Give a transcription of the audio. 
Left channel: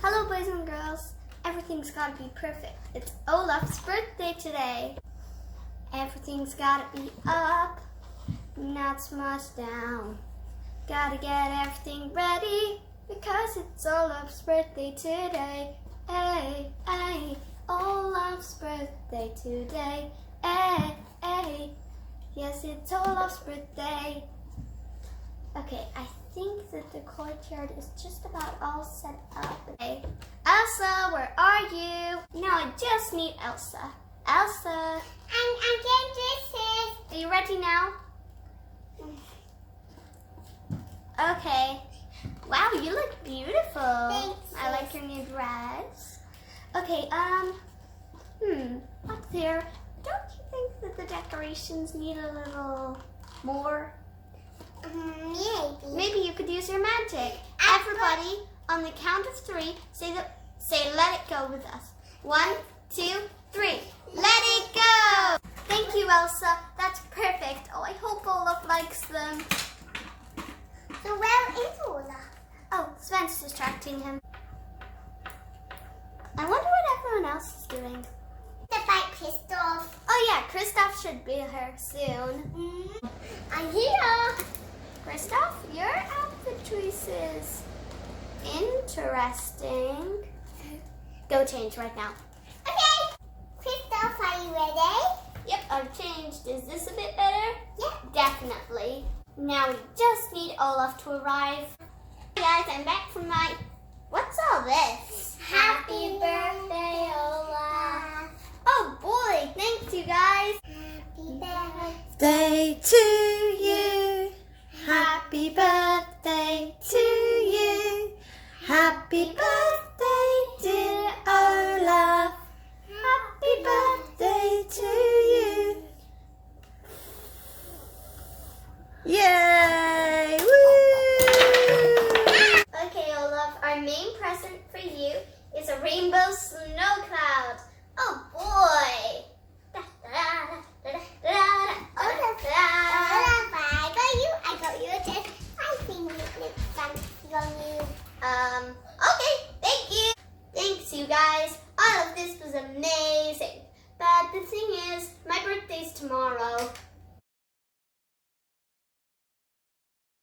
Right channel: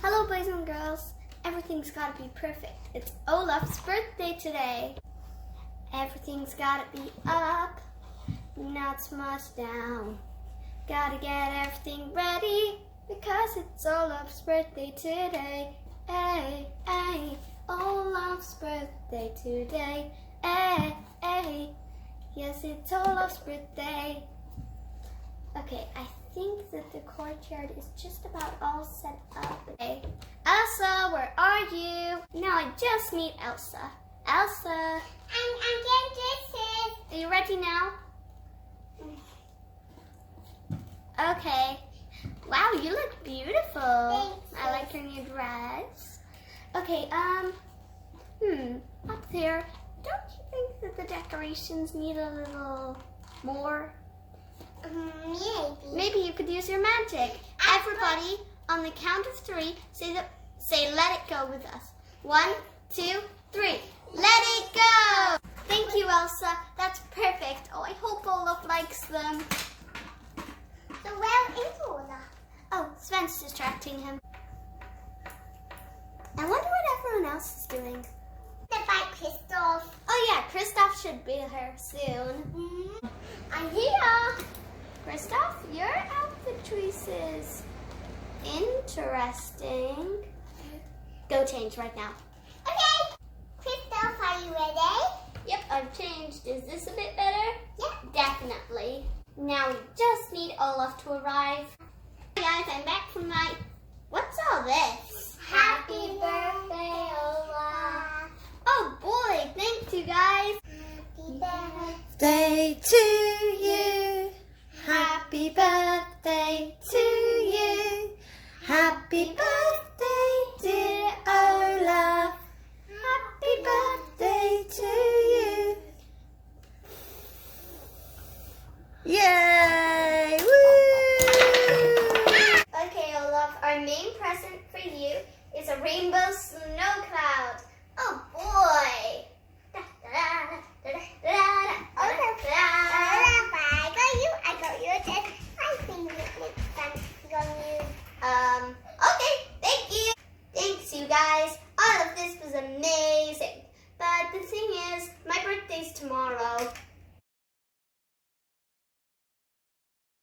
Hello boys and girls, everything's gotta be perfect. It's Olaf's birthday today. Everything's gotta be up, not so much down. Gotta get everything ready, because it's Olaf's birthday today. Hey, hey, Olaf's birthday today. Hey, hey, yes it's Olaf's birthday. Okay, I think that the courtyard is just about all set up. Okay. Elsa, where are you? Now I just need Elsa. Elsa. I'm getting dresses. Are you ready now? Okay. Wow, you look beautiful. Thanks. I like your new dress. Okay, up there, don't you think that the decorations need a little more? Maybe. Maybe you could use your magic. Everybody, on the count of 3, say let it go with us. 1, 2, 3. Let it go! Thank you, Elsa. That's perfect. Oh, I hope Olaf likes them. So where is Olaf? Oh, Sven's distracting him. I wonder what everyone else is doing. The bike Christoph. Oh yeah, Kristoff should be here soon. I'm here. Kristoff, your outfit choices. Interesting. Go change right now. Okay. Christoph, are you ready? Yep, I've changed. Is this a bit better? Yep. Definitely. Now we just need Olaf to arrive. Hey guys, I'm back from my... What's all this? Happy birthday, Olaf. Oh boy, thanks you guys. Happy birthday. Birthday to you. Happy birthday to you. Happy birthday, dear Olaf. Happy birthday to you. Yay! Woo! Okay, Olaf, our main present for you is a rainbow snow cloud. Oh boy! I got you a dress. I think it looks fancy on you. Okay, thank you. Thanks, you guys. All of this was amazing. But the thing is, my birthday's tomorrow.